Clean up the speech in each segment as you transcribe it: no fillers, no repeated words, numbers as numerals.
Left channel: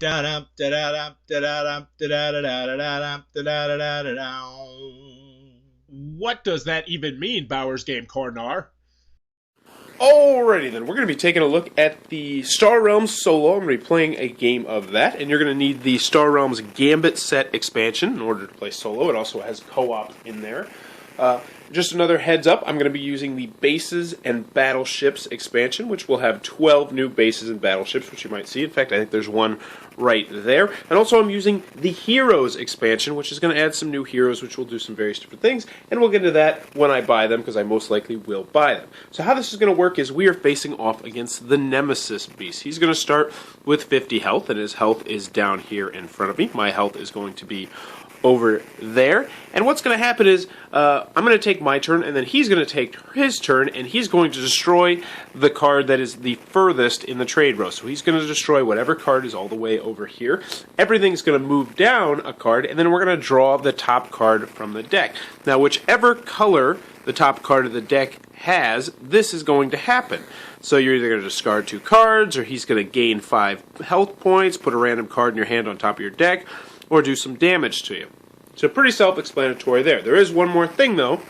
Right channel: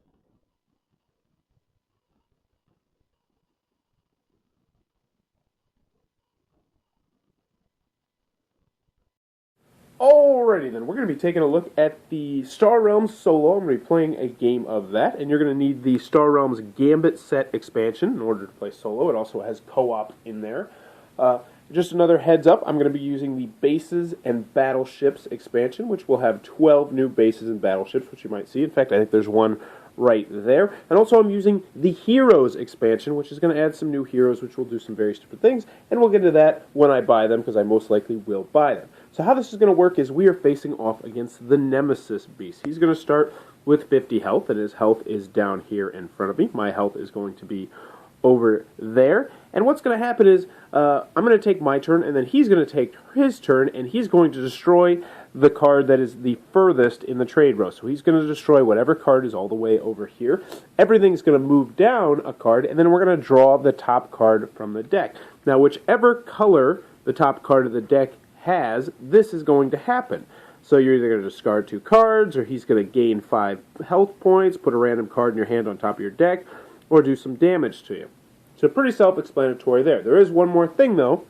Da-dum, da-da-dum, da-da-dum, da-da-da-da-da-dum, da-da-da-da-da-dum. What does that even mean, Bauer's Game Corner? Alrighty then, we're going to be taking a look at the Star Realms solo. I'm going to be playing a game of that, and you're going to need the Star Realms Gambit set expansion in order to play solo. It also has co-op in there. Uh, just another heads up, I'm going to be using the Bases and Battleships expansion, which will have 12 new bases and battleships, which you might see. In fact, I think there's one right there. And also I'm using the Heroes expansion, which is going to add some new heroes, which will do some various different things. And we'll get into that when I buy them, because I most likely will buy them. So how this is going to work is we are facing off against the Nemesis beast. He's going to start with 50 health, and his health is down here in front of me. My health is going to be over there. And what's going to happen is I'm going to take my turn, and then he's going to take his turn, and he's going to destroy the card that is the furthest in the trade row. So he's going to destroy whatever card is all the way over here. Everything's going to move down a card, and then we're going to draw the top card from the deck. Now, whichever color the top card of the deck has, this is going to happen. So you're either going to discard 2 cards, or he's going to gain 5 health points, put a random card in your hand on top of your deck, or do some damage to you. So pretty self-explanatory there. There is one more thing, though.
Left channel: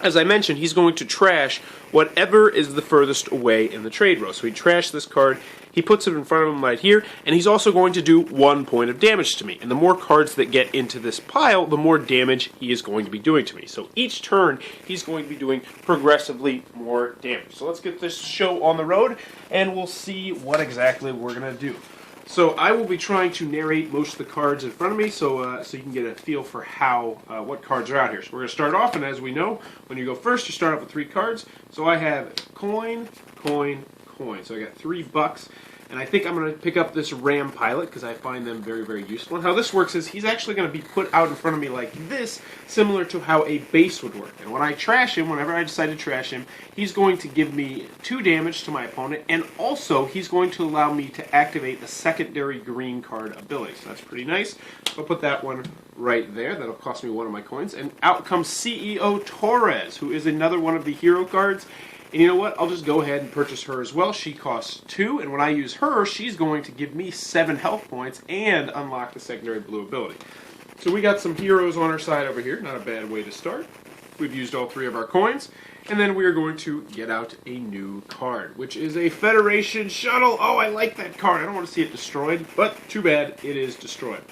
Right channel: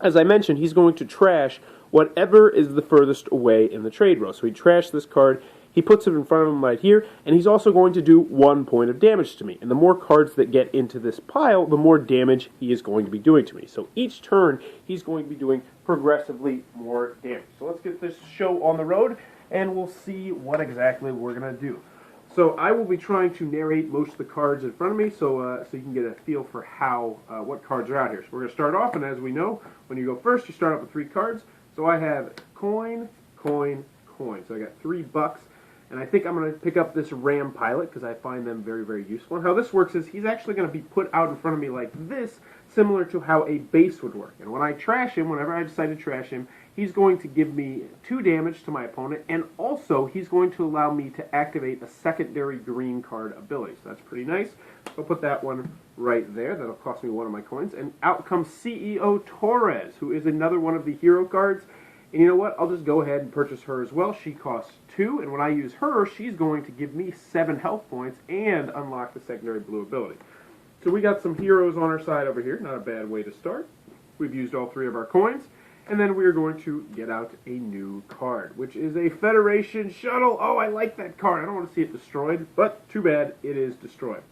As I mentioned, he's going to trash whatever is the furthest away in the trade row. So he trashed this card, he puts it in front of him right here, and he's also going to do 1 point of damage to me. And the more cards that get into this pile, the more damage he is going to be doing to me. So each turn, he's going to be doing progressively more damage. So let's get this show on the road, and we'll see what exactly we're going to do. So I will be trying to narrate most of the cards in front of me, so you can get a feel for how what cards are out here. So we're going to start off, and as we know, when you go first, you start off with 3 cards. So I have coin, coin, coin. So I got $3, and I think I'm going to pick up this Ram Pilot because I find them very, very useful. And how this works is he's actually going to be put out in front of me like this, similar to how a base would work. And when I trash him, whenever I decide to trash him, he's going to give me 2 damage to my opponent, and also he's going to allow me to activate a secondary green card ability. So that's pretty nice. I'll put that one right there. That'll cost me 1 of my coins. And out comes CEO Torres, who is another one of the hero cards. And you know what? I'll just go ahead and purchase her as well. She costs 2, and when I use her, she's going to give me 7 health points and unlock the secondary blue ability. So we got some heroes on our side over here. Not a bad way to start. We've used all 3 of our coins. And then we're going to get out a new card, which is a Federation Shuttle. Oh, I like that card. I don't want to see it destroyed, but too bad it is destroyed.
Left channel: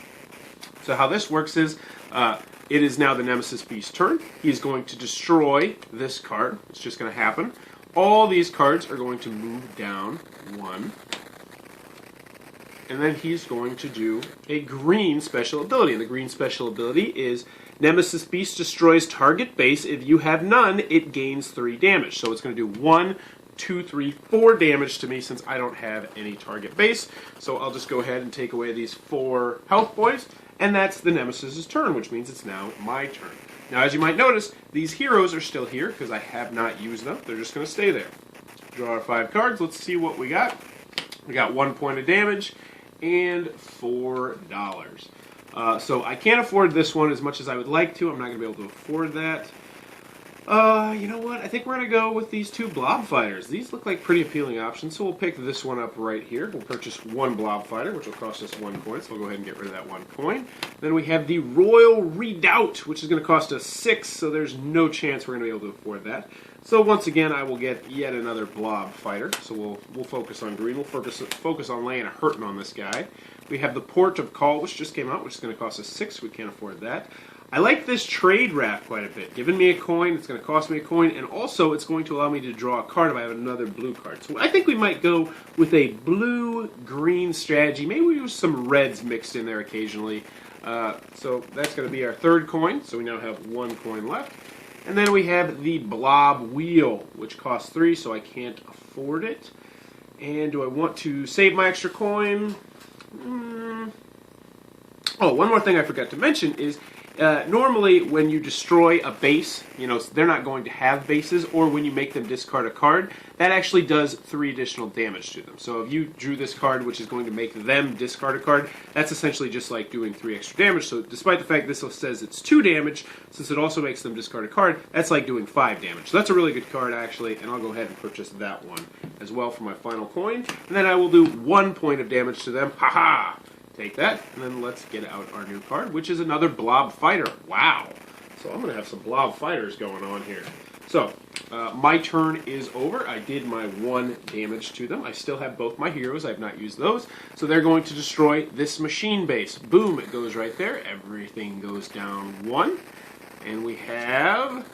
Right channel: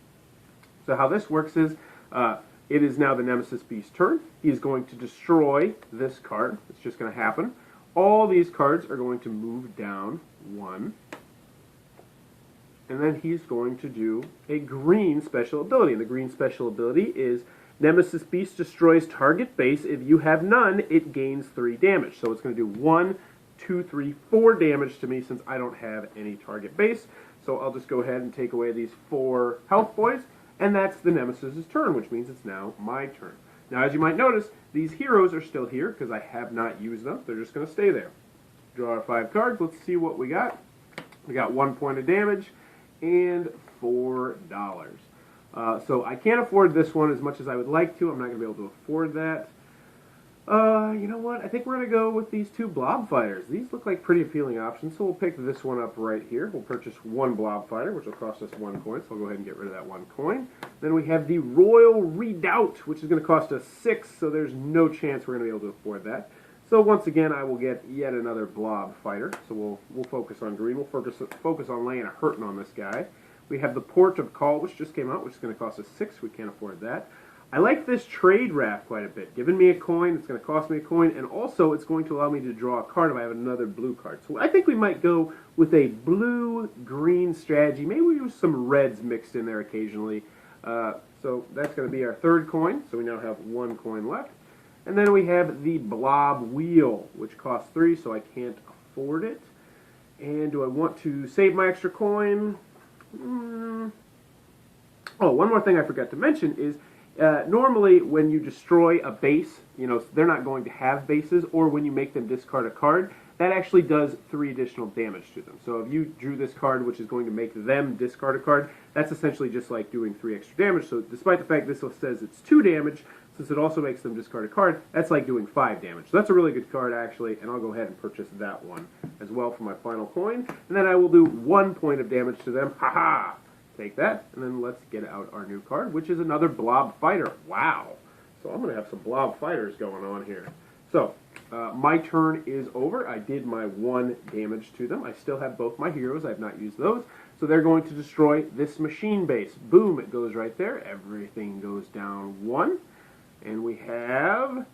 So how this works is it is now the Nemesis Beast's turn. He's going to destroy this card. It's just going to happen. All these cards are going to move down 1. And then he's going to do a green special ability. And the green special ability is Nemesis Beast destroys target base. If you have none, it gains 3 damage. So it's going to do 1, 2, 3, 4 damage to me since I don't have any target base. So I'll just go ahead and take away these 4 health points. And that's the Nemesis's turn, which means it's now my turn. Now, as you might notice, these heroes are still here because I have not used them. They're just going to stay there. Draw our 5 cards. Let's see what we got. We got 1 point of damage and $4. So I can't afford this one as much as I would like to. I'm not going to be able to afford that. You know what? I think we're going to go with these 2 blob fighters. These look like pretty appealing options, so we'll pick this one up right here. We'll purchase 1 blob fighter, which will cost us 1 coin, so we'll go ahead and get rid of that 1 coin. Then we have the Royal Redoubt, which is going to cost us 6, so there's no chance we're going to be able to afford that. So once again, I will get yet another blob fighter, so we'll focus on green. We'll focus on laying a hurting on this guy. We have the Port of Call, which just came out, which is going to cost us 6. We can't afford that. I like this trade raft quite a bit. Giving me a coin, it's going to cost me a coin, and also it's going to allow me to draw a card if I have another blue card. So I think we might go with a blue-green strategy. Maybe we use some reds mixed in there occasionally. So that's going to be our 3rd coin, so we now have 1 coin left. And then we have the Blob Wheel, which costs 3, so I can't afford it. And do I want to save my extra coin? Oh, one more thing I forgot to mention is normally when you destroy a base, you know, they're not going to have bases, or when you make them discard a card, that actually does 3 additional damage to them. So if you drew this card, which is going to make them discard a card, that's essentially just like doing 3 extra damage. So despite the fact this says it's 2 damage, since it also makes them discard a card, that's like doing 5 damage. So that's a really good card, actually, and I'll go ahead and purchase that one as well for my final coin. And then I will do 1 point of damage to them. Haha! Take that, and then let's get out our new card, which is another Blob Fighter. Wow. So I'm going to have some Blob Fighters going on here. So, my turn is over. I did my 1 damage to them. I still have both my heroes. I have not used those. So they're going to destroy this machine base. Boom, it goes right there. Everything goes down 1. And we have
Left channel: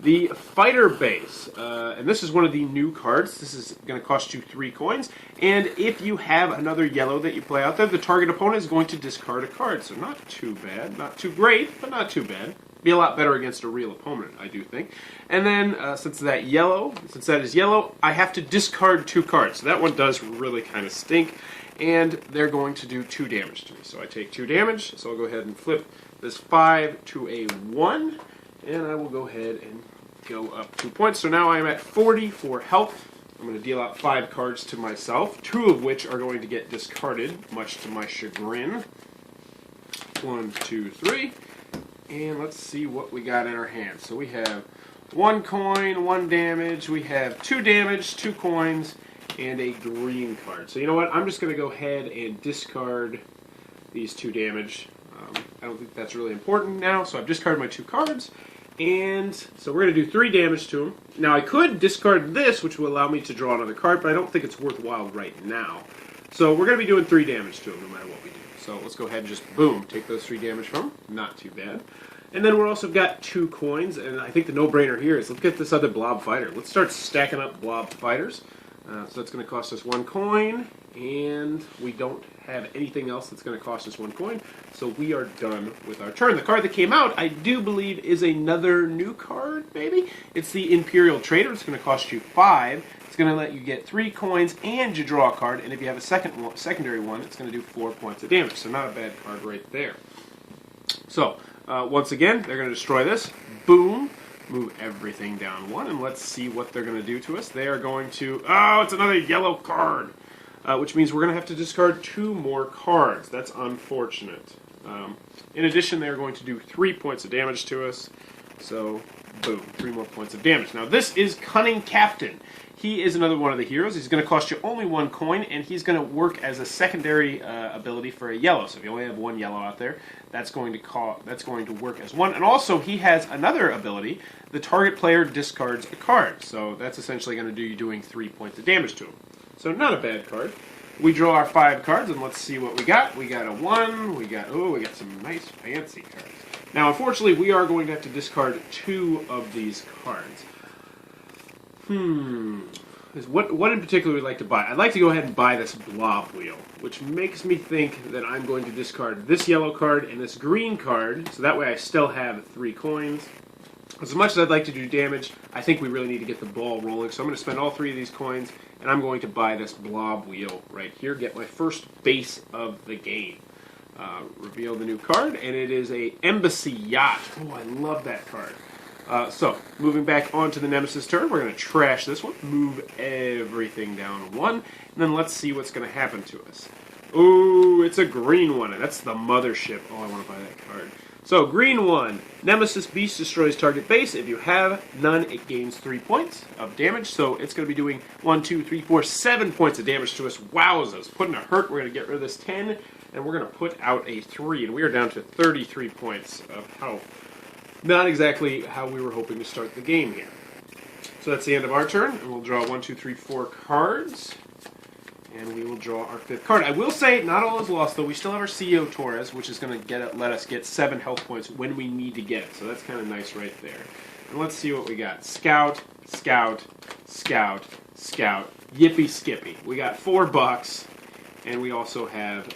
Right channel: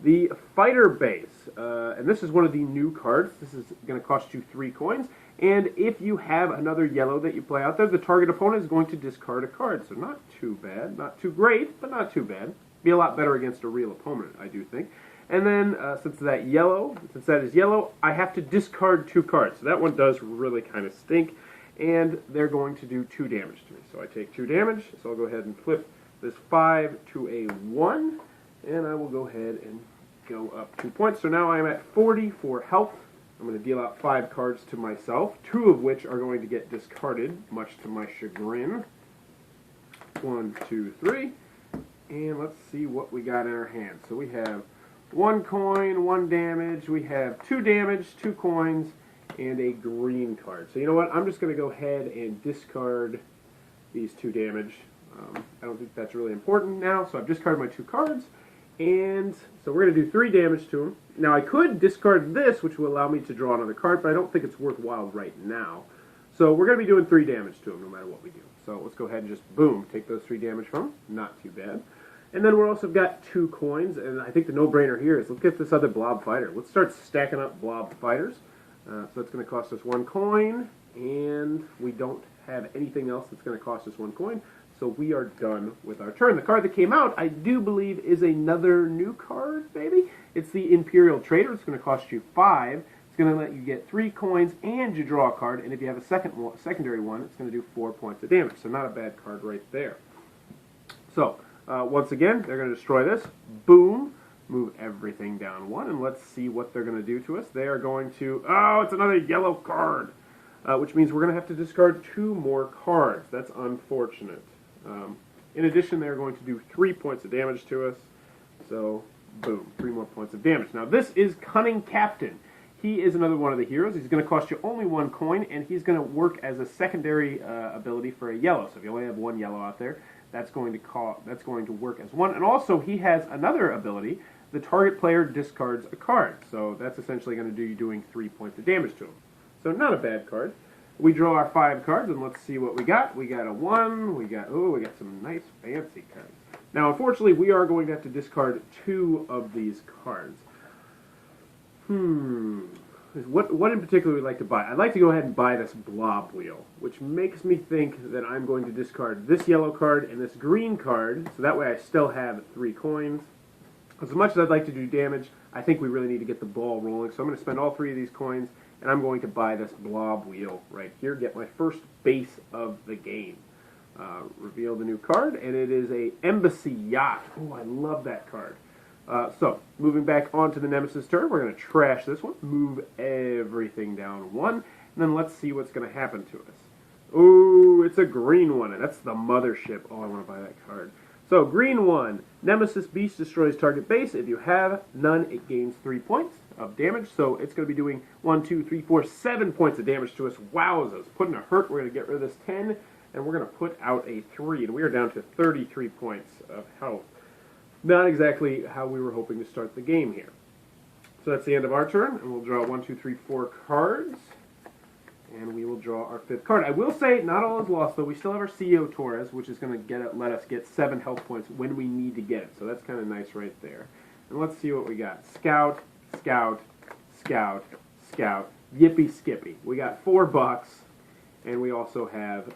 the fighter base. And this is one of the new cards. This is going to cost you 3 coins. And if you have another yellow that you play out there, the target opponent is going to discard a card. So not too bad. Not too great, but not too bad. Be a lot better against a real opponent, I do think. And then, since that is yellow, I have to discard 2 cards. So that one does really kind of stink. And they're going to do 2 damage to me. So I take 2 damage. So I'll go ahead and flip this 5 to a 1. And I will go ahead and go up 2 points. So now I'm at 40 for health. I'm going to deal out 5 cards to myself, 2 of which are going to get discarded, much to my chagrin. 1, 2, 3. And let's see what we got in our hand. So we have 1 coin, 1 damage. We have 2 damage, 2 coins, and a green card. So you know what? I'm just going to go ahead and discard these 2 damage. I don't think that's really important now. So I've discarded my 2 cards. And so we're going to do 3 damage to him. Now I could discard this, which will allow me to draw another card, but I don't think it's worthwhile right now. So we're going to be doing 3 damage to him no matter what we do. So let's go ahead and just, boom, take those 3 damage from him. Not too bad. And then we're also got 2 coins, and I think the no-brainer here is let's get this other Blob Fighter. Let's start stacking up Blob Fighters. So that's going to cost us 1 coin, and we don't have anything else that's going to cost us 1 coin. So we are done with our turn. The card that came out, I do believe, is another new card, maybe? It's the Imperial Trader. It's going to cost you 5. It's going to let you get 3 coins, and you draw a card. And if you have a secondary one, it's going to do 4 points of damage. So not a bad card right there. So, once again, they're going to destroy this. Boom. Move everything down 1, and let's see what they're going to do to us. They are going to... Oh, it's another yellow card, which means we're going to have to discard 2 more cards. That's unfortunate. In addition, they're going to do 3 points of damage to us. So, boom, 3 more points of damage. Now, this is Cunning Captain. He is another one of the heroes. He's going to cost you only 1 coin, and he's going to work as a secondary ability for a yellow. So if you only have 1 yellow out there, that's going to work as 1. And also, he has another ability. The target player discards a card. So that's essentially going to do you doing 3 points of damage to him. So not a bad card. We draw our 5 cards, and let's see what we got. We got a 1. We got some nice fancy cards. Now, unfortunately, we are going to have to discard 2 of these cards. What in particular would we like to buy? I'd like to go ahead and buy this Blob Wheel, which makes me think that I'm going to discard this yellow card and this green card, so that way I still have 3 coins. As much as I'd like to do damage, I think we really need to get the ball rolling, so I'm going to spend all 3 of these coins, and I'm going to buy this Blob Wheel right here, get my first base of the game. Reveal the new card, and it is a Embassy Yacht. Oh, I love that card. So, moving back onto the Nemesis turn, we're going to trash this one, move everything down 1, and then let's see what's going to happen to us. Ooh, it's a green one, and that's the Mothership. Oh, I want to buy that card. So, green one, Nemesis Beast destroys target base. If you have none, it gains 3 points of damage, so it's going to be doing 1, 2, 3, 4, 7 points of damage to us. Wowzers. Putting a hurt, we're going to get rid of this 10, and we're going to put out a 3, and we are down to 33 points of health. Not exactly how we were hoping to start the game here. So that's the end of our turn, and we'll draw 1, 2, 3, 4 cards. And we will draw our 5th card. I will say, not all is lost, though. We still have our CEO Torres, which is going to let us get 7 health points when we need to get it. So that's kind of nice right there. And let's see what we got. Scout, Scout, Scout, Scout, Yippee Skippy. We got $4, and we also have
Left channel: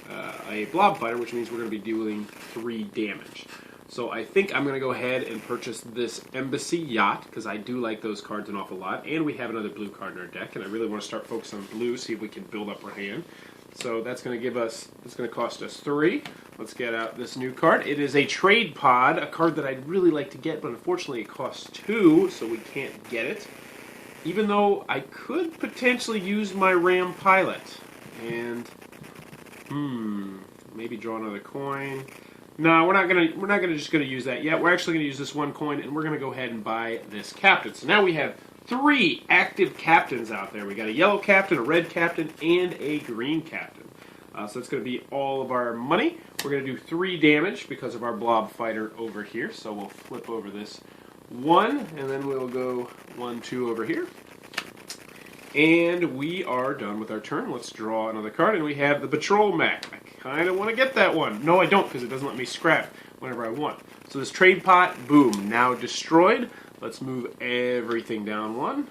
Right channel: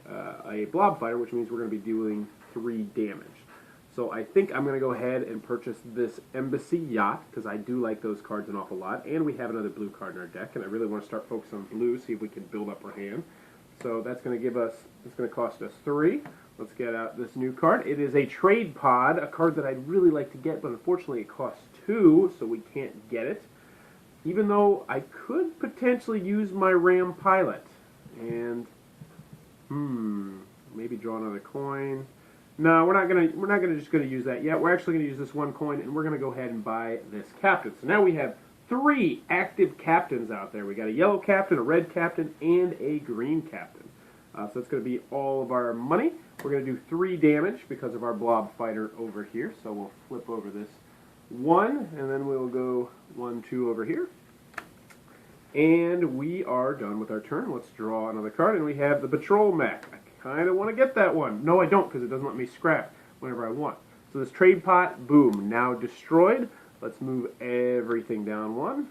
a Blob Fighter, which means we're going to be dealing 3 damage. So I think I'm going to go ahead and purchase this Embassy Yacht, because I do like those cards an awful lot. And we have another blue card in our deck, and I really want to start focusing on blue, see if we can build up our hand. So that's going to cost us 3. Let's get out this new card. It is a Trade Pod, a card that I'd really like to get, but unfortunately it costs 2, so we can't get it. Even though I could potentially use my Ram Pilot. And, maybe draw another coin. No, we're not just gonna use that yet. We're actually gonna use this 1 coin, and we're gonna go ahead and buy this captain. So now we have 3 active captains out there. We got a yellow captain, a red captain, and a green captain. So that's going to be all of our money. We're going to do 3 damage because of our blob fighter over here. So we'll flip over this 1, and then we'll go 1, 2 over here. And we are done with our turn. Let's draw another card, and we have the Patrol Mech. I kind of want to get that one. No, I don't, because it doesn't let me scrap whenever I want. So this trade pot, boom, now destroyed. Let's move everything down 1.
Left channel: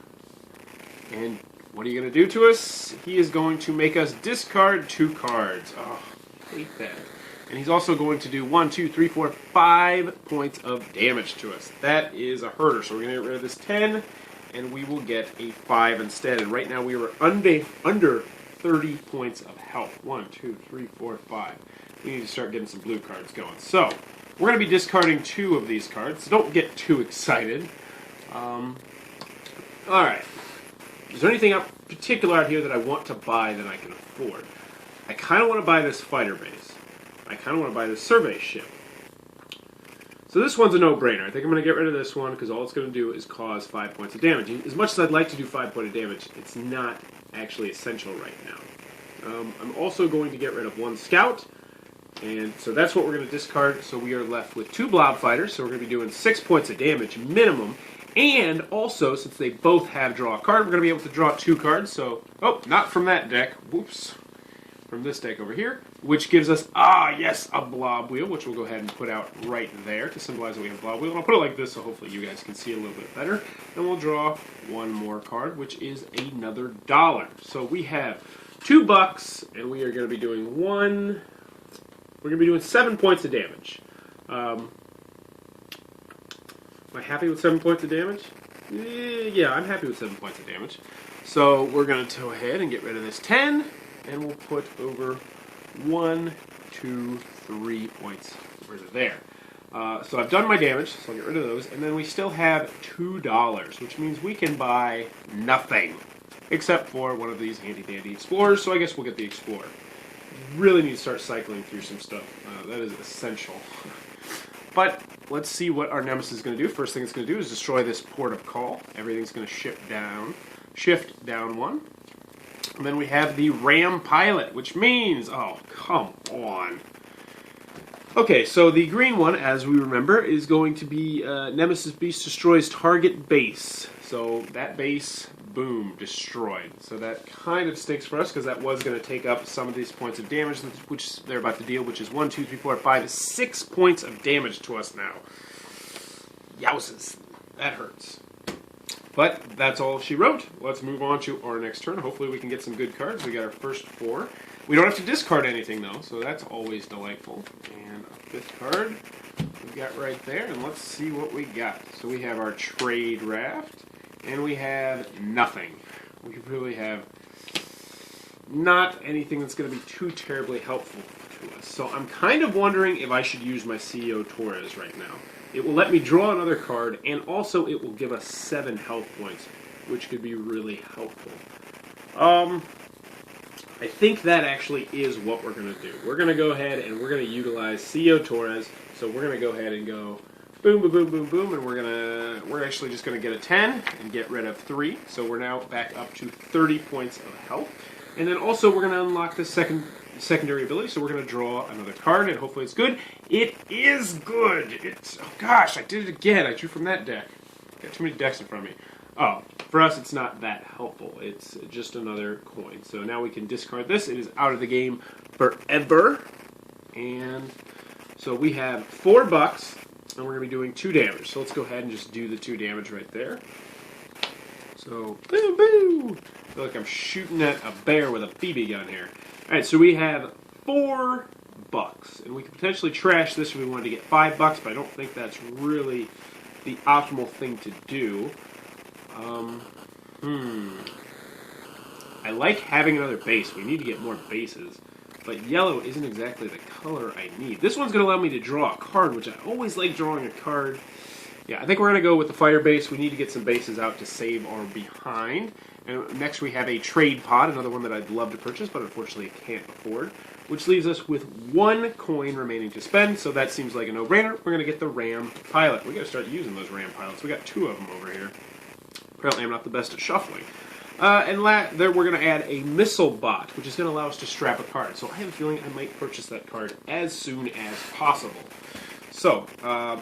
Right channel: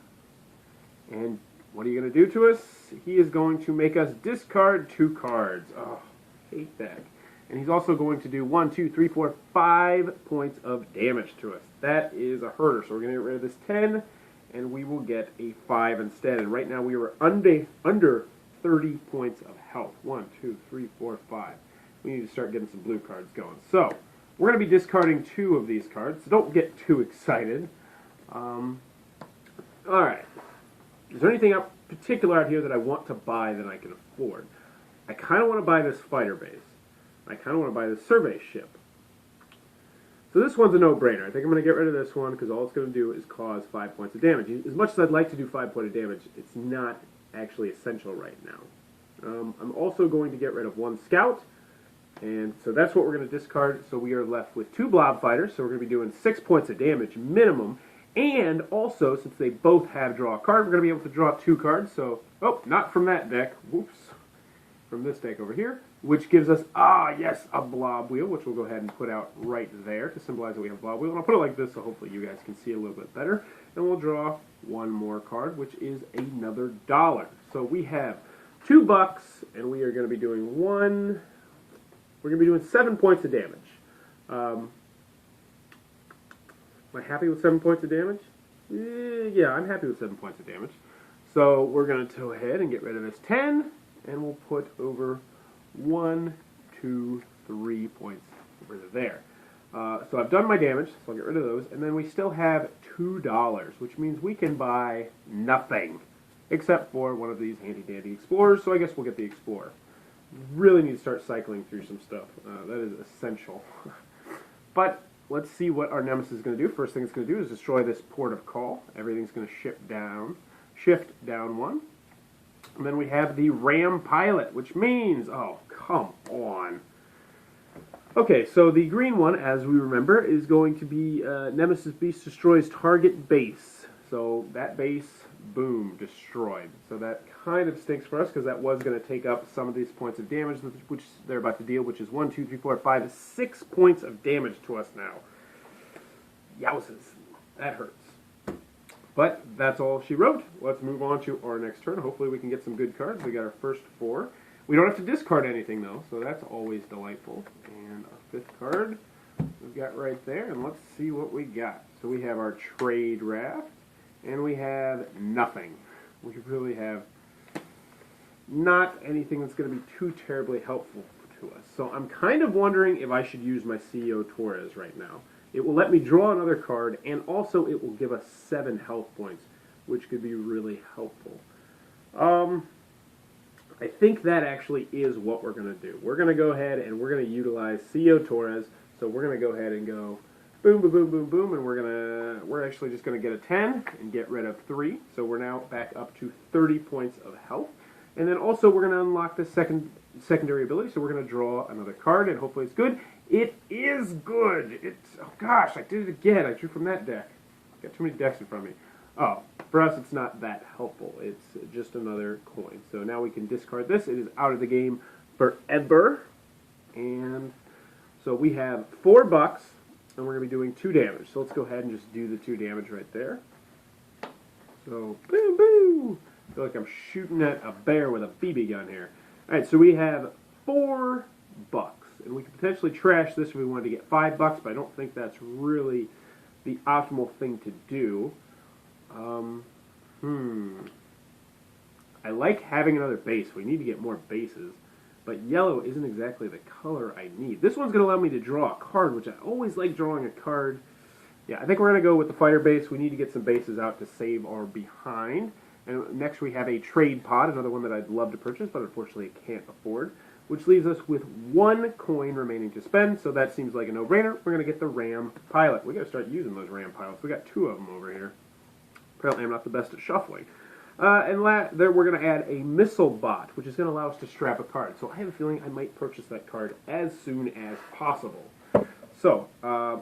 And what are you going to do to us? He is going to make us discard 2 cards. Oh, I hate that. And he's also going to do 1, 2, 3, 4, 5 points of damage to us. That is a herder. So we're going to get rid of this 10, and we will get a 5 instead. And right now we are under 30 points of health. 1, 2, 3, 4, 5. We need to start getting some blue cards going. So we're going to be discarding 2 of these cards. So don't get too excited. All right. Is there anything particular out here that I want to buy that I can afford? I kind of want to buy this fighter base. I kind of want to buy this survey ship. So this one's a no-brainer. I think I'm going to get rid of this one because all it's going to do is cause 5 points of damage. As much as I'd like to do 5 points of damage, it's not actually essential right now. I'm also going to get rid of 1 scout. And so that's what we're going to discard. So we are left with 2 blob fighters. So we're going to be doing 6 points of damage minimum. And also, since they both have draw a card, we're going to be able to draw 2 cards. So, oh, not from that deck. Whoops. From this deck over here. Which gives us, yes, a blob wheel, which we'll go ahead and put out right there to symbolize that we have blob wheel. And I'll put it like this so hopefully you guys can see a little bit better. And we'll draw 1 more card, which is another $1. So we have $2, and we are going to be doing we're going to be doing 7 points of damage. Am I happy with 7 points of damage? Yeah, I'm happy with 7 points of damage. So we're going to go ahead and get rid of this 10, and we'll put over 1, 2, 3 points over to there. So I've done my damage, so I'll get rid of those. And then we still have $2, which means we can buy nothing. Except for one of these handy-dandy explorers, so I guess we'll get the explorer. Really need to start cycling through some stuff. That is essential. But let's see what our Nemesis is going to do. First thing it's going to do is destroy this port of call. Everything's going to shift down 1. And then we have the Ram Pilot, which means, oh, come on. Okay, so the green one, as we remember, is going to be Nemesis Beast destroys target base. So that base, boom, destroyed. So that kind of stinks for us because that was going to take up some of these points of damage, which they're about to deal, which is 1, 2, 3, 4, 5, 6 points of damage to us now. Yowzes. That hurts. But that's all she wrote. Let's move on to our next turn. Hopefully we can get some good cards. We got our first 4. We don't have to discard anything, though, so that's always delightful. And a 5th card we got right there. And let's see what we got. So we have our Trade Raft. And we have nothing. We really have not anything that's going to be too terribly helpful to us. So I'm kind of wondering if I should use my CEO Torres right now. It will let me draw another card, and also it will give us 7 health points, which could be really helpful. I think that actually is what we're going to do. We're going to go ahead and we're going to utilize CEO Torres. So we're going to go ahead and go boom, boom, boom, boom, boom, and we're actually just going to get a 10 and get rid of 3. So we're now back up to 30 points of health. And then also we're going to unlock the secondary ability. So we're going to draw another card, and hopefully it's good. It is good. Oh gosh, I did it again. I drew from that deck. Got too many decks in front of me. Oh, for us it's not that helpful. It's just another coin. So now we can discard this. It is out of the game forever. And so we have $4. And we're going to be doing 2 damage. So let's go ahead and just do the 2 damage right there. So, boom, boom. I feel like I'm shooting at a bear with a BB gun here. Alright, so we have $4. And we could potentially trash this if we wanted to get $5, but I don't think that's really the optimal thing to do. I like having another base. We need to get more bases. But yellow isn't exactly the color I need. This one's going to allow me to draw a card, which I always like drawing a card. Yeah, I think we're going to go with the fire base. We need to get some bases out to save our behind. And next we have a trade pod, another one that I'd love to purchase, but unfortunately can't afford. Which leaves us with 1 coin remaining to spend, so that seems like a no-brainer. We're going to get the Ram Pilot. We're going to start using those Ram Pilots. We got 2 of them over here. Apparently I'm not the best at shuffling. There we're going to add a missile bot, which is going to allow us to strap a card. So I have a feeling I might purchase that card as soon as possible. So,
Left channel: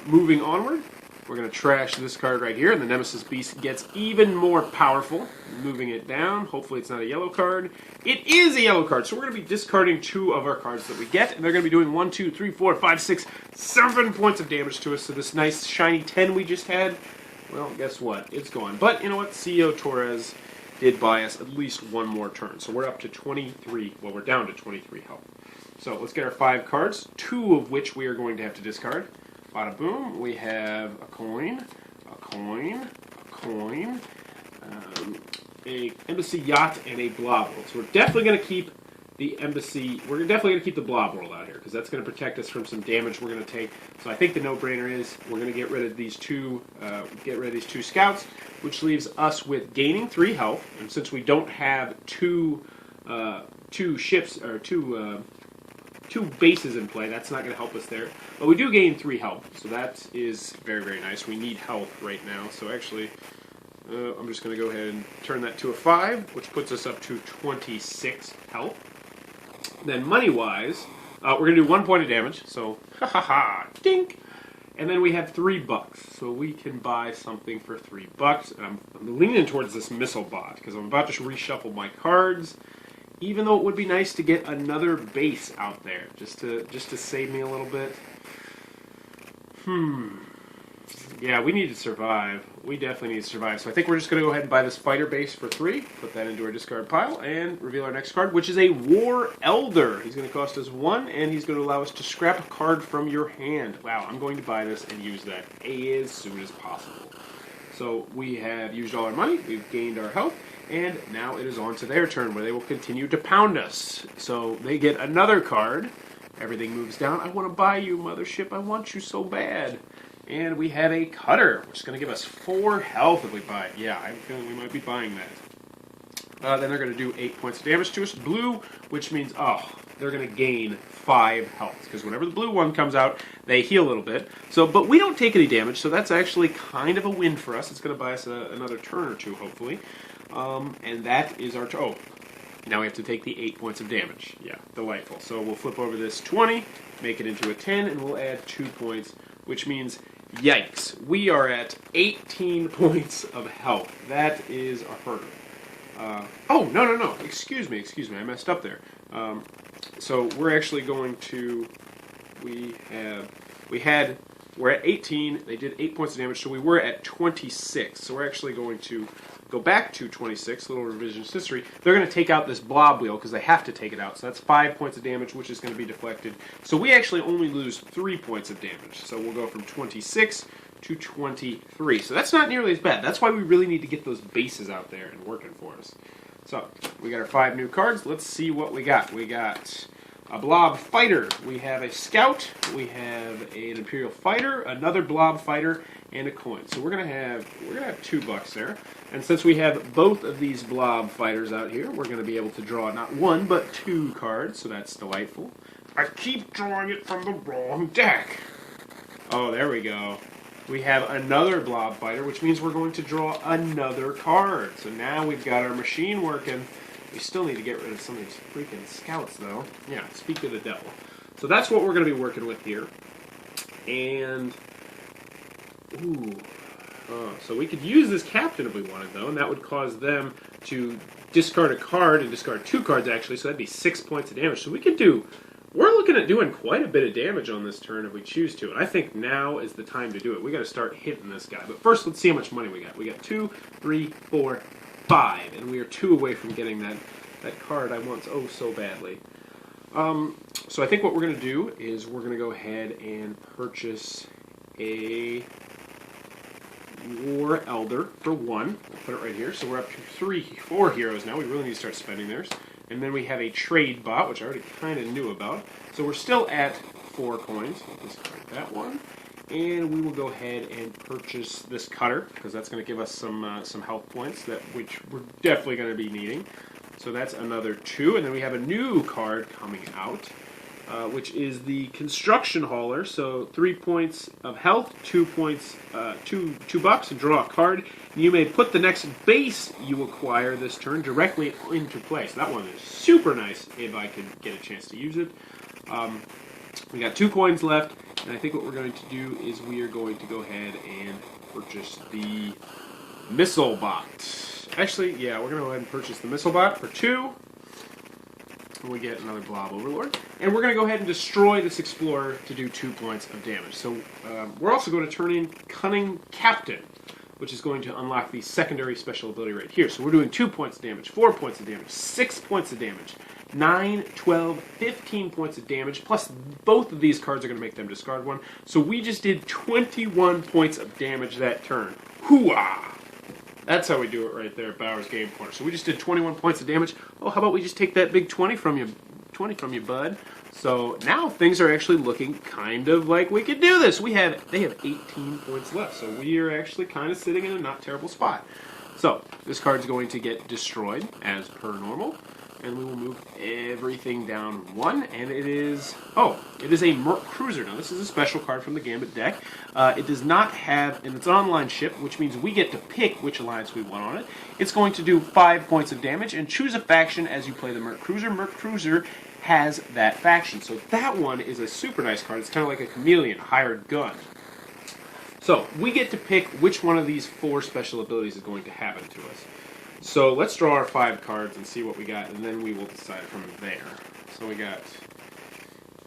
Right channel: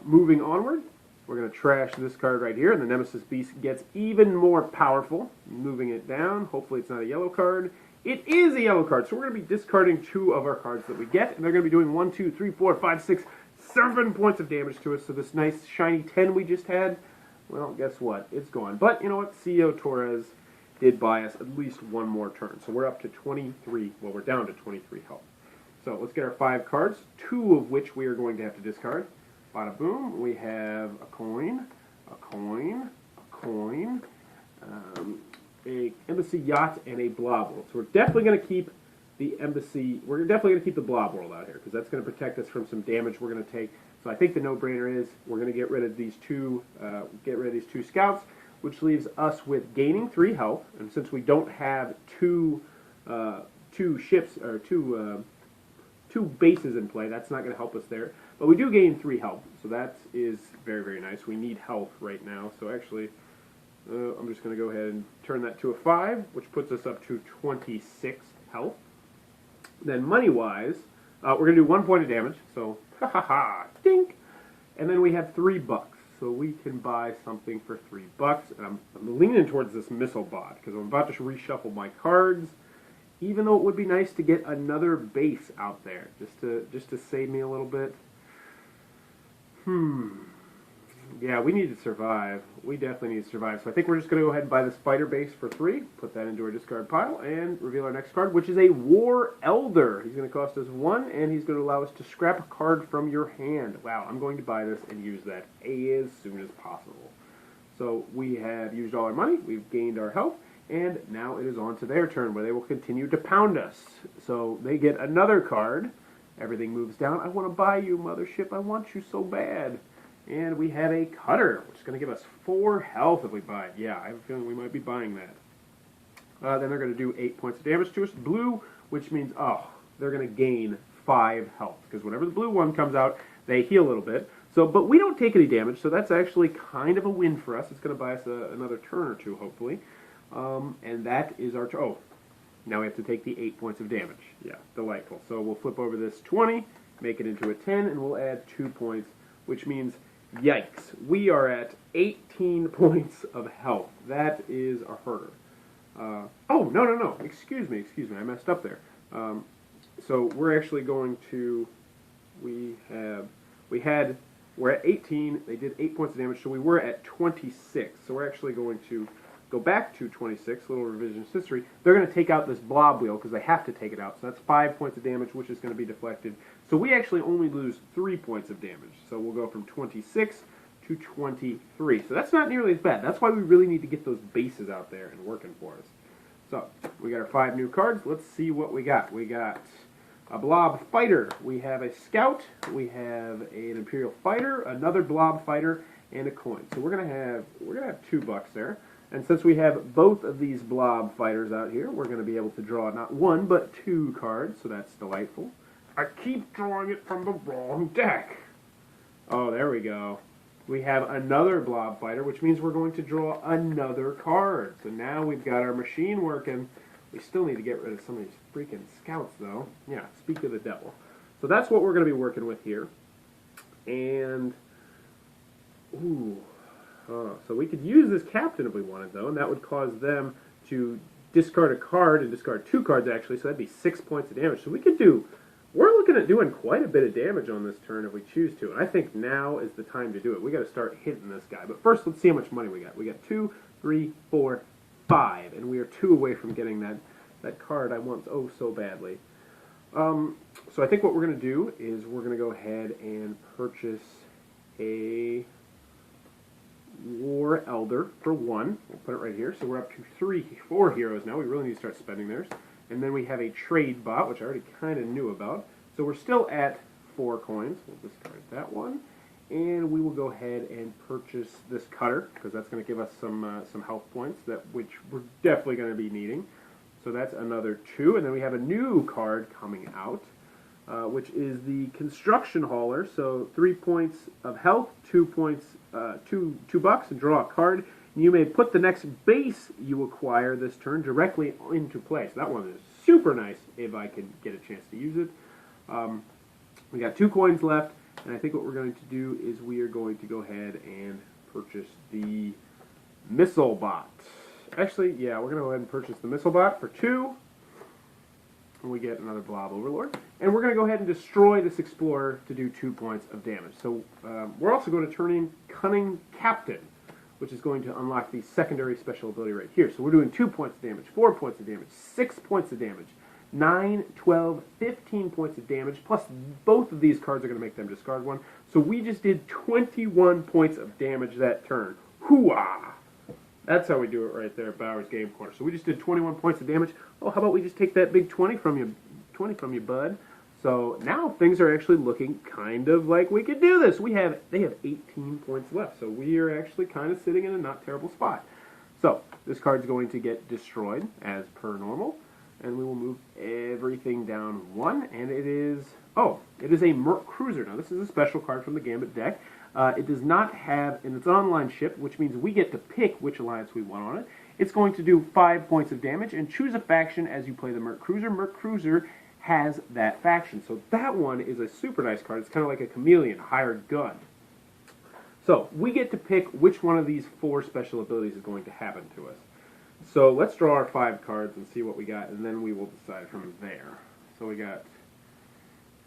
moving onward, we're going to trash this card right here, and the Nemesis Beast gets even more powerful. Moving it down, hopefully it's not a yellow card. It is a yellow card, so we're going to be discarding 2 of our cards that we get, and they're going to be doing 1, 2, 3, 4, 5, 6, 7 points of damage to us. So this nice shiny 10 we just had, well, guess what? It's gone. But you know what? CEO Torres did buy us at least 1 more turn, so we're up to 23. Well, we're down to 23 health. So let's get our 5 cards, 2 of which we are going to have to discard. Bada boom, we have a coin, a coin, a coin, a Embassy Yacht, and a Blob World. So we're definitely going to keep the Embassy, we're definitely going to keep the Blob World out here, because that's going to protect us from some damage we're going to take. So I think the no-brainer is we're going to get rid of these 2, scouts, which leaves us with gaining 3 health, and since we don't have two ships, or two bases in play, that's not going to help us there. But we do gain 3 health, so that is very, very nice. We need health right now, so actually, I'm just going to go ahead and turn that to a 5, which puts us up to 26 health. Then money-wise, we're going to do 1 point of damage, so dink! And then we have $3, so we can buy something for $3. And I'm leaning towards this missile bot, because I'm about to reshuffle my cards. Even though it would be nice to get another base out there, just to save me a little bit. Yeah, we need to survive. We definitely need to survive. So I think we're just going to go ahead and buy this fighter base for 3, put that into our discard pile, and reveal our next card, which is a War Elder. He's going to cost us 1, and he's going to allow us to scrap a card from your hand. Wow, I'm going to buy this and use that as soon as possible. So we have used all our money, we've gained our health, and now it is on to their turn, where they will continue to pound us. So they get another card. Everything moves down. I want to buy you, Mothership. I want you so bad. And we have a Cutter, which is going to give us 4 health if we buy it. Yeah, I have a feeling we might be buying that. Then they're going to do 8 points of damage to us. Blue, which means, they're going to gain 5 health. Because whenever the blue one comes out, they heal a little bit. So, but we don't take any damage, so that's actually kind of a win for us. It's going to buy us another turn or 2, hopefully. And that is our... now we have to take the 8 points of damage. Yeah, delightful. So we'll flip over this 20, make it into a 10, and we'll add 2 points, which means, yikes, we are at 18 points of health. That is a hurdle. No. Excuse me. I messed up there. So we're actually going to... We're at 18. They did 8 points of damage, so we were at 26. So we're actually going to go back to 26, little revisionist history. They're going to take out this blob wheel because they have to take it out. So that's 5 points of damage, which is going to be deflected. So we actually only lose 3 points of damage. So we'll go from 26 to 23. So that's not nearly as bad. That's why we really need to get those bases out there and working for us. So we got our 5 new cards. Let's see what we got. We got a blob fighter. We have a scout. We have an imperial fighter, another blob fighter, and a coin. So we're gonna have $2 there. And since we have both of these blob fighters out here, we're gonna be able to draw not 1 but 2 cards. So that's delightful. I keep drawing it from the wrong deck. Oh, there we go. We have another blob fighter, which means we're going to draw another card. So now we've got our machine working. We still need to get rid of some of these freaking scouts, though. Yeah, speak of the devil. So that's what we're going to be working with here. And, so we could use this captain if we wanted, though, and that would cause them to discard a card and discard 2 cards, actually, so that'd be 6 points of damage. So we're looking at doing quite a bit of damage on this turn if we choose to, and I think now is the time to do it. We got to start hitting this guy. But first, let's see how much money we got. We got 2, 3, 4, 5, and we are 2 away from getting that card I want so badly. So I think what we're going to do is we're going to go ahead and purchase a War Elder for 1. We'll put it right here. So we're up to 4 heroes now. We really need to start spending theirs. And then we have a trade bot, which I already kind of knew about. So we're still at 4 coins. We'll discard that one. And we will go ahead and purchase this cutter, because that's going to give us some health points, which we're definitely going to be needing. So that's another 2. And then we have a new card coming out, which is the Construction Hauler. So 3 points of health, 2 points, $2 to draw a card. You may put the next base you acquire this turn directly into play. So that one is super nice if I can get a chance to use it. We got 2 coins left, and I think what we're going to do is we are going to go ahead and purchase the Missile Bot. Actually, yeah, we're going to go ahead and purchase the Missile Bot for 2. And we get another Blob Overlord. And we're going to go ahead and destroy this Explorer to do 2 points of damage. So we're also going to turn in Cunning Captain, which is going to unlock the secondary special ability right here. So we're doing 2 points of damage, 4 points of damage, 6 points of damage, 9, 12, 15 points of damage, plus both of these cards are going to make them discard 1. So we just did 21 points of damage that turn. Hooah! That's how we do it right there at Bowers Game Corner. So we just did 21 points of damage. Oh, how about we just take that big 20 from you, bud? So now things are actually looking kind of like we could do this. They have 18 points left, so we are actually kind of sitting in a not terrible spot. So this card's going to get destroyed as per normal, and we will move everything down 1. And it is a Merc Cruiser. Now this is a special card from the Gambit deck. It does not have, and it's an online ship, which means we get to pick which alliance we want on it. It's going to do 5 points of damage and choose a faction as you play the Merc Cruiser. Merc Cruiser has that faction. So that one is a super nice card. It's kind of like a chameleon, a hired gun. So we get to pick which one of these 4 special abilities is going to happen to us. So let's draw our 5 cards and see what we got, and then we will decide from there. So we got,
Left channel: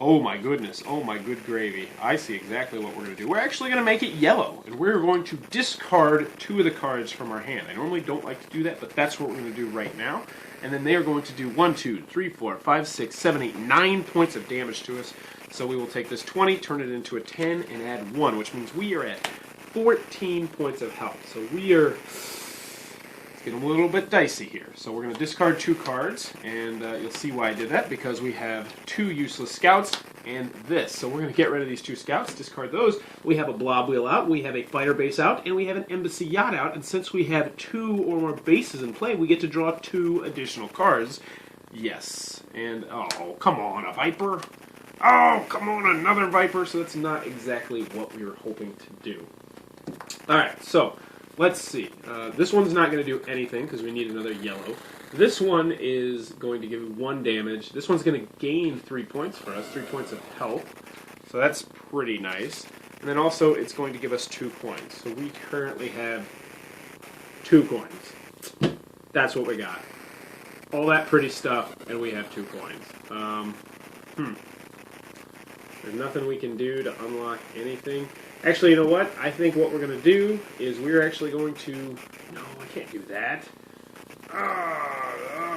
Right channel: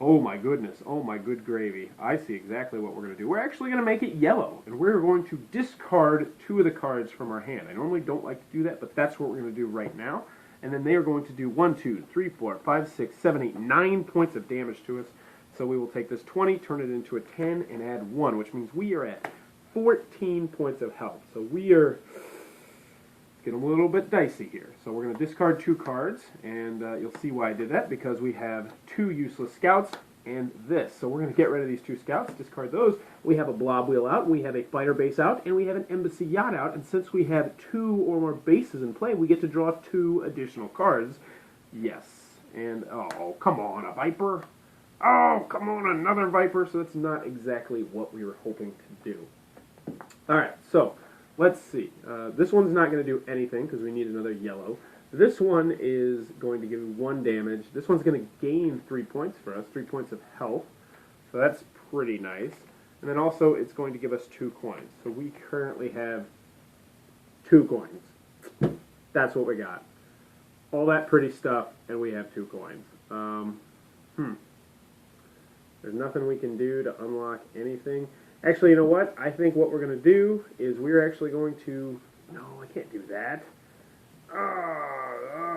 oh my goodness, oh my good gravy. I see exactly what we're going to do. We're actually going to make it yellow, and we're going to discard 2 of the cards from our hand. I normally don't like to do that, but that's what we're going to do right now. And then they are going to do 1, 2, 3, 4, 5, 6, 7, 8, 9 points of damage to us. So we will take this 20, turn it into a 10, and add 1, which means we are at 14 points of health. So we are, it's getting a little bit dicey here. So we're going to discard 2 cards, and you'll see why I did that, because we have 2 useless scouts and this. So we're going to get rid of these 2 scouts, discard those. We have a Blob Wheel out, we have a Fighter Base out, and we have an Embassy Yacht out. And since we have 2 or more bases in play, we get to draw 2 additional cards. Yes. And, oh, come on, a Viper. Oh, come on, another Viper. So that's not exactly what we were hoping to do. Alright, so let's see. This one's not going to do anything because we need another yellow. This one is going to give 1 damage. This one's going to gain 3 points for us, 3 points of health. So that's pretty nice. And then also it's going to give us 2 coins. So we currently have 2 coins. That's what we got. All that pretty stuff, and we have 2 coins. There's nothing we can do to unlock anything. Actually, you know what? I think what we're going to do is we're actually going to... No, I can't do that.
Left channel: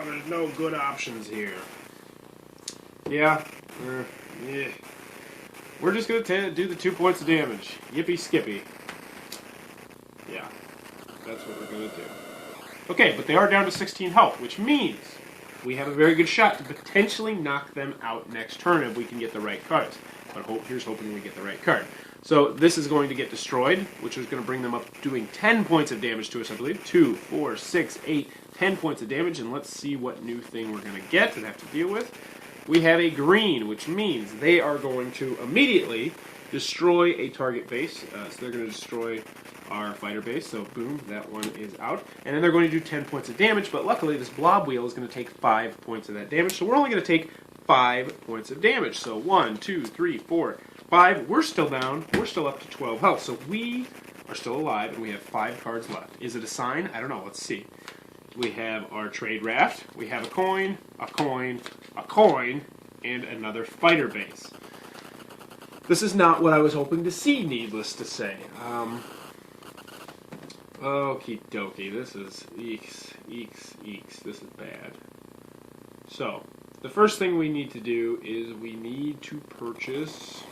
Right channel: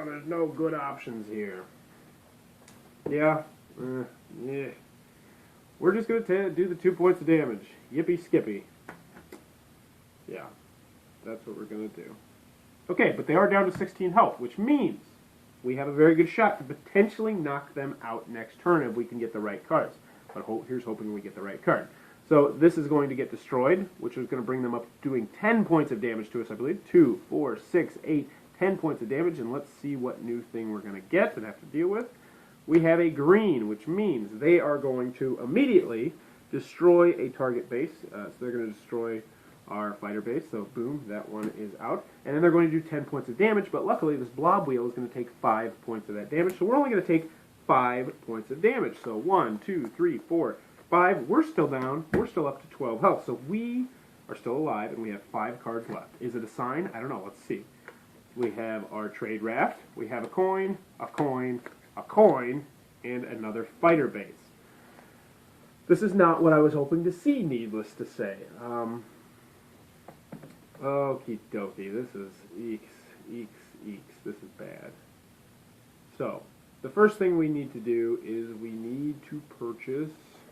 There's no good options here. Yeah. Yeah. We're just going to do the 2 points of damage. Yippee skippy. Yeah. That's what we're going to do. Okay, but they are down to 16 health, which means we have a very good shot to potentially knock them out next turn if we can get the right cards. But here's hoping we get the right card. So this is going to get destroyed, which is going to bring them up doing 10 points of damage to us, I believe. 2, 4, 6, 8, 10 points of damage. And let's see what new thing we're going to get and have to deal with. We have a green, which means they are going to immediately destroy a target base. So they're going to destroy our fighter base. So boom, that one is out. And then they're going to do 10 points of damage. But luckily, this blob wheel is going to take 5 points of that damage. So we're only going to take 5 points of damage. So 1, 2, 3, 4, 5. We're still down. We're still up to 12 health. So we are still alive, and we have 5 cards left. Is it a sign? I don't know. Let's see. We have our trade raft. We have a coin, a coin, a coin, and another fighter base. This is not what I was hoping to see, needless to say. Okie dokie. This is eeks, eeks, eeks. This is bad. So, the first thing we need to do is we need to purchase...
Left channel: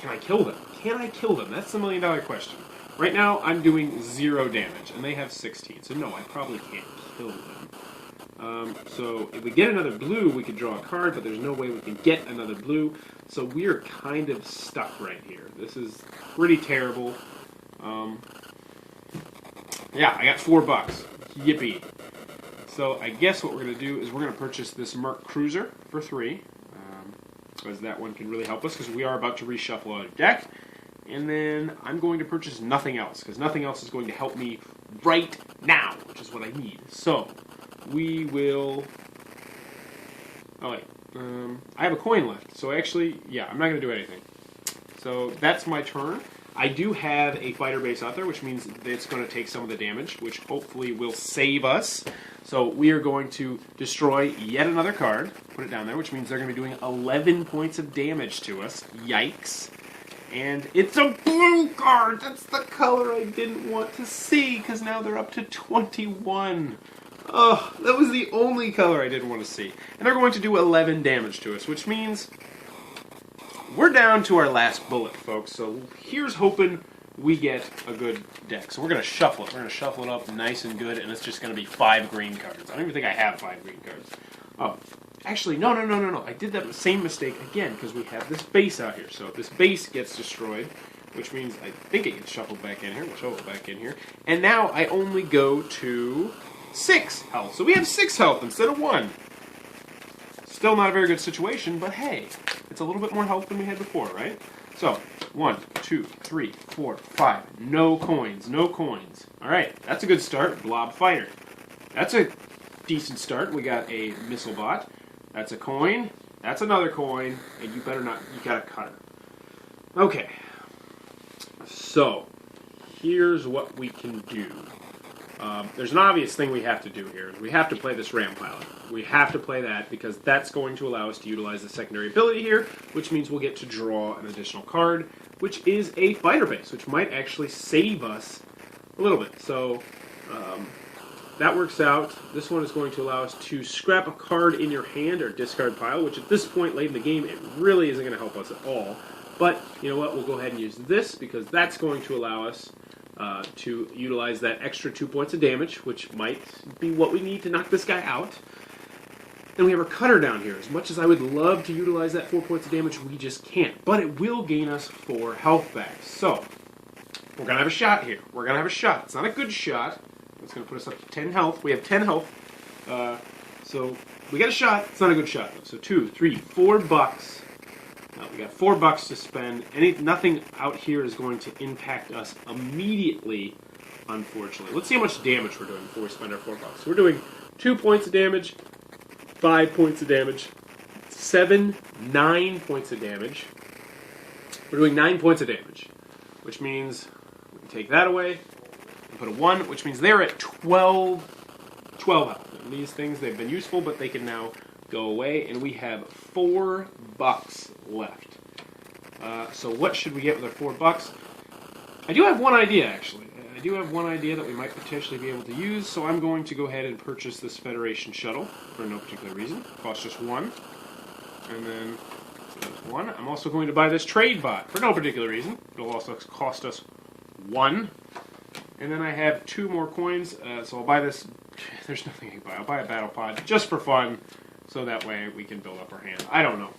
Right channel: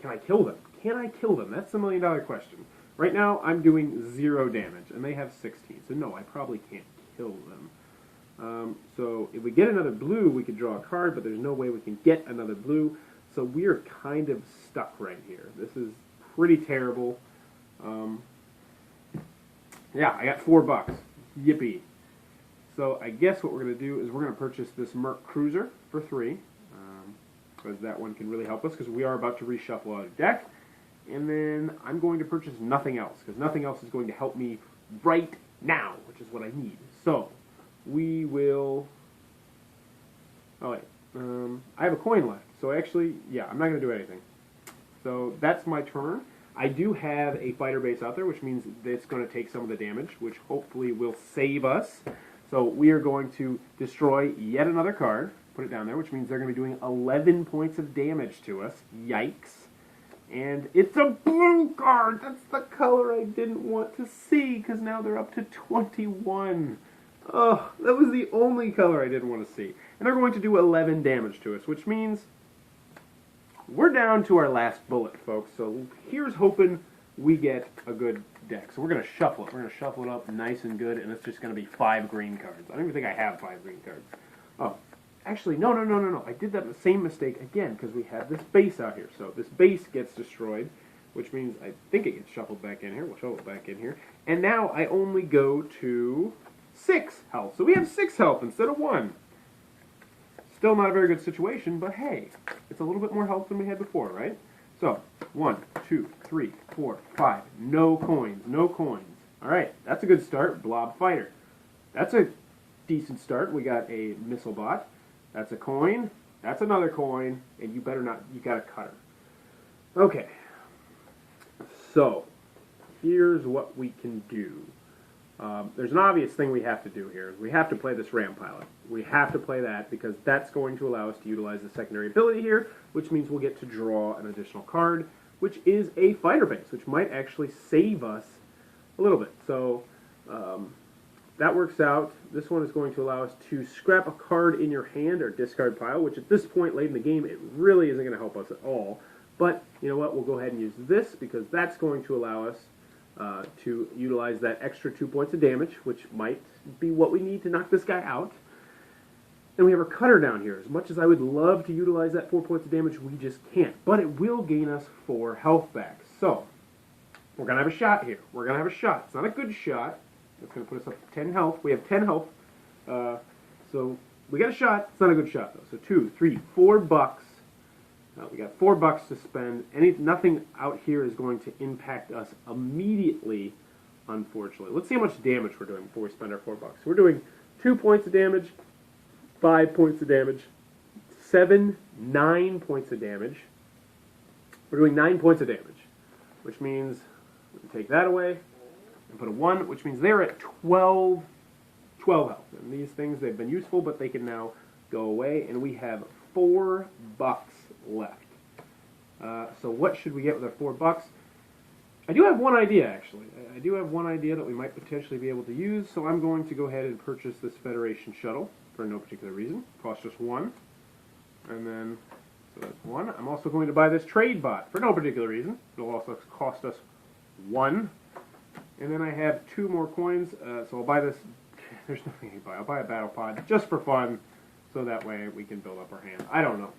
Can I kill them? Can I kill them? That's the million-dollar question. Right now, I'm doing 0 damage, and they have 16. So no, I probably can't kill them. So if we get another blue, we could draw a card, but there's no way we can get another blue. So we're kind of stuck right here. This is pretty terrible. Yeah, I got $4. Yippee. So I guess what we're going to do is we're going to purchase this Merc Cruiser for 3. Because that one can really help us, because we are about to reshuffle our deck. And then I'm going to purchase nothing else, because nothing else is going to help me right now, which is what I need. So, we will... Oh, wait. I have a coin left. So actually, yeah, I'm not going to do anything. So that's my turn. I do have a fighter base out there, which means it's going to take some of the damage, which hopefully will save us. So we are going to destroy yet another card, put it down there, which means they're going to be doing 11 points of damage to us. Yikes. And it's a blue card! That's the color I didn't want to see, because now they're up to 21. Oh, that was the only color I didn't want to see. And they're going to do 11 damage to us, which means we're down to our last bullet, folks. So here's hoping we get a good deck. So we're going to shuffle it. We're going to shuffle it up nice and good, and it's just going to be 5 green cards. I don't even think I have 5 green cards. Oh, actually, no. I did that same mistake again, because we have this base out here. So this base gets destroyed, which means I think it gets shuffled back in here. We'll shuffle it back in here. And now I only go to 6 health. So we have 6 health instead of 1. Still not a very good situation, but hey, it's a little bit more health than we had before, right? So, 1, 2, 3, 4, 5. No coins, no coins. Alright, that's a good start. Blob Fighter. That's a decent start. We got a Missile Bot. That's a coin. That's another coin. And you better not, you got a cutter. Okay. So, here's what we can do. There's an obvious thing we have to do here. We have to play this Ram Pilot. We have to play that because that's going to allow us to utilize the secondary ability here, which means we'll get to draw an additional card, which is a fighter base, which might actually save us a little bit. So that works out. This one is going to allow us to scrap a card in your hand or discard pile, which at this point late in the game, it really isn't going to help us at all. But you know what? We'll go ahead and use this because that's going to allow us to utilize that extra 2 points of damage, which might be what we need to knock this guy out. Then we have our cutter down here. As much as I would love to utilize that 4 points of damage, we just can't. But it will gain us 4 health back. So, we're going to have a shot here. We're going to have a shot. It's not a good shot. It's going to put us up to 10 health. We have 10 health. So, we got a shot. It's not a good shot, though. So, 2, 3, 4 bucks. We got 4 bucks to spend. Nothing out here is going to impact us immediately, unfortunately. Let's see how much damage we're doing before we spend our 4 bucks. So we're doing 2 points of damage, 5 points of damage, 7, 9 points of damage. We're doing 9 points of damage, which means we can take that away and put a 1, which means they're at 12 health. And these things, they've been useful, but they can now go away, and we have 4 bucks left. So what should we get with our 4 bucks? I do have one idea, actually. I do have one idea that we might potentially be able to use, so I'm going to go ahead and purchase this Federation shuttle for no particular reason. Costs just 1. And then, so that's 1. I'm also going to buy this trade bot for no particular reason. It'll also cost us 1. And then I have 2 more coins, so I'll buy this. There's nothing I can buy. I'll buy a battle pod just for fun, so that way we can build up our hand. I don't know.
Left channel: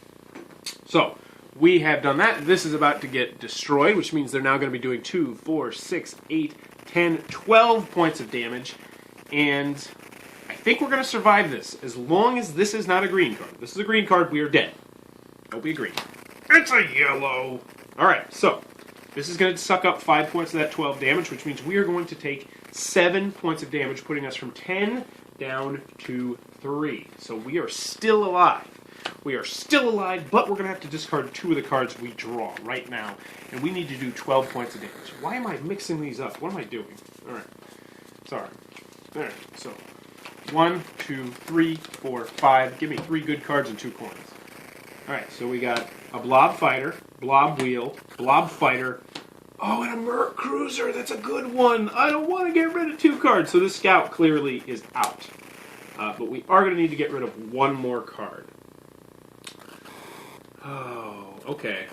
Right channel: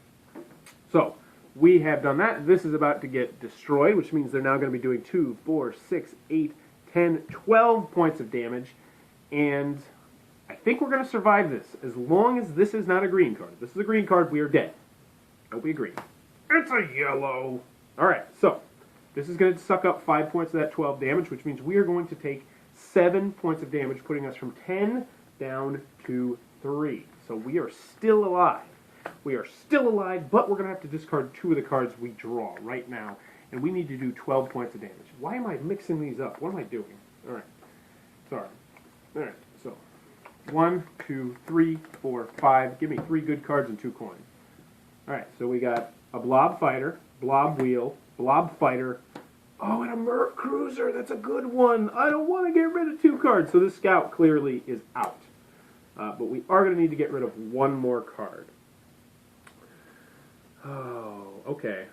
So, we have done that. This is about to get destroyed, which means they're now going to be doing 2, 4, 6, 8, 10, 12 points of damage. And I think we're going to survive this, as long as this is not a green card. If this is a green card, we are dead. Don't be a green. It's a yellow. Alright, so, this is going to suck up 5 points of that 12 damage, which means we are going to take 7 points of damage, putting us from 10 down to 3. So we are still alive. We are still alive, but we're going to have to discard 2 of the cards we draw right now. And we need to do 12 points of damage. Why am I mixing these up? What am I doing? Alright. Sorry. Alright, so 1, 2, 3, 4, 5. Give me 3 good cards and 2 coins. Alright, so we got a Blob Fighter, Blob Wheel, Blob Fighter. Oh, and a Merc Cruiser. That's a good one. I don't want to get rid of 2 cards. So this Scout clearly is out. But we are going to need to get rid of 1 more card. Oh, okay.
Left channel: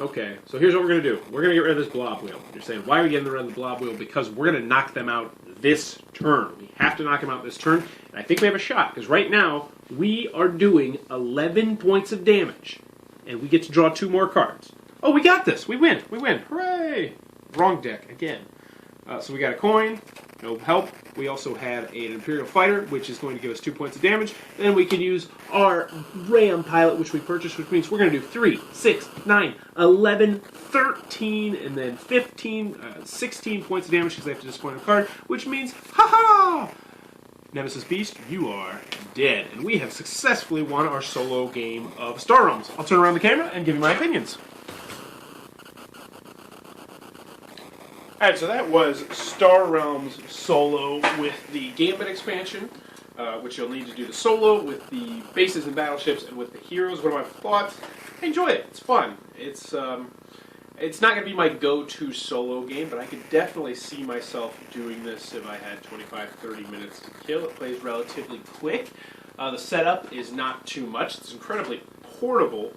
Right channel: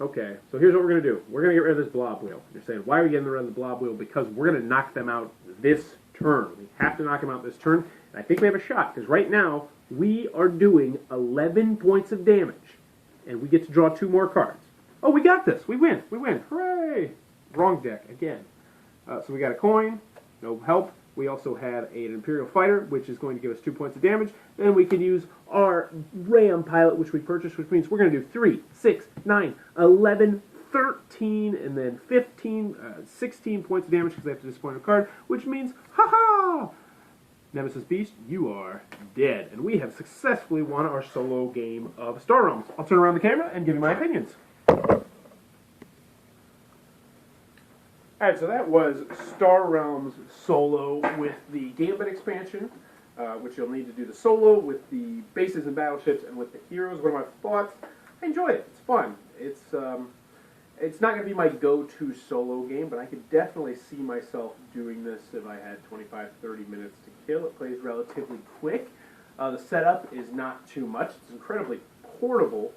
Okay, so here's what we're going to do. We're going to get rid of this Blob Wheel. You're saying, why are we getting rid of the Blob Wheel? Because we're going to knock them out this turn. We have to knock them out this turn. And I think we have a shot, because right now, we are doing 11 points of damage. And we get to draw 2 more cards. Oh, we got this. We win. We win. Hooray! Wrong deck again. So we got a coin. No help. We also have an Imperial Fighter, which is going to give us 2 points of damage. Then we can use our Ram Pilot, which we purchased, which means we're going to do 3, 6, 9, 11, 13, and then 15, 16 points of damage because I have to disappoint a card, which means, ha-ha! Nemesis Beast, you are dead. And we have successfully won our solo game of Star Realms. I'll turn around the camera and give you my opinions. Alright, so that was Star Realms solo with the Gambit expansion, which you'll need to do the solo with the bases and battleships and with the heroes. What are my thoughts? I enjoy it. It's fun. It's not going to be my go-to solo game, but I could definitely see myself doing this if I had 25, 30 minutes to kill. It plays relatively quick. The setup is not too much. It's incredibly portable,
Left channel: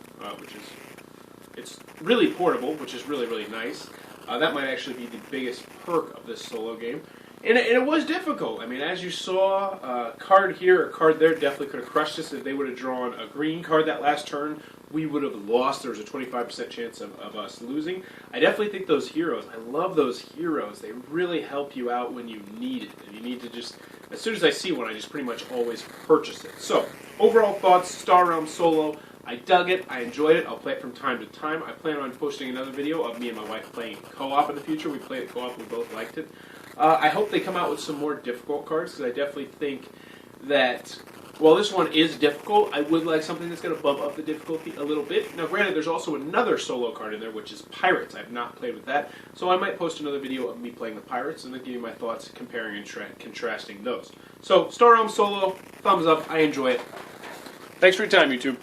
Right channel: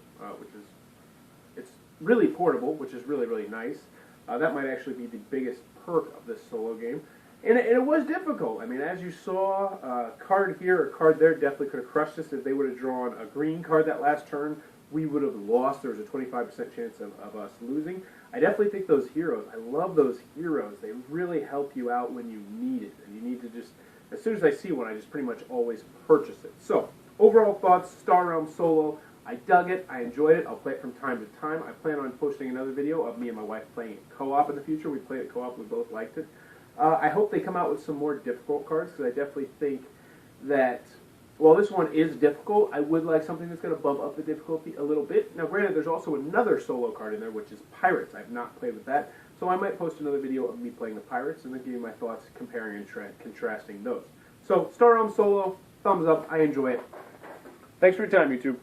it's really portable, which is really, really nice. That might actually be the biggest perk of this solo game. And it was difficult. I mean, as you saw, a card here, a card there definitely could have crushed us. If they would have drawn a green card that last turn, we would have lost. There was a 25% chance of us losing. I definitely think those heroes, I love those heroes. They really help you out when you need it. And you need to just, as soon as I see one, I just pretty much always purchase it. So, overall thoughts, Star Realms Solo. I dug it. I enjoyed it. I'll play it from time to time. I plan on posting another video of me and my wife playing co-op in the future. We played it co-op. We both liked it. I hope they come out with some more difficult cards because I definitely think that, while this one is difficult, I would like something that's going to bump up the difficulty a little bit. Now, granted, there's also another solo card in there, which is Pirates. I have not played with that, so I might post another video of me playing the Pirates and then give you my thoughts comparing and contrasting those. So, Star Realms Solo, thumbs up. I enjoy it. Thanks for your time, YouTube.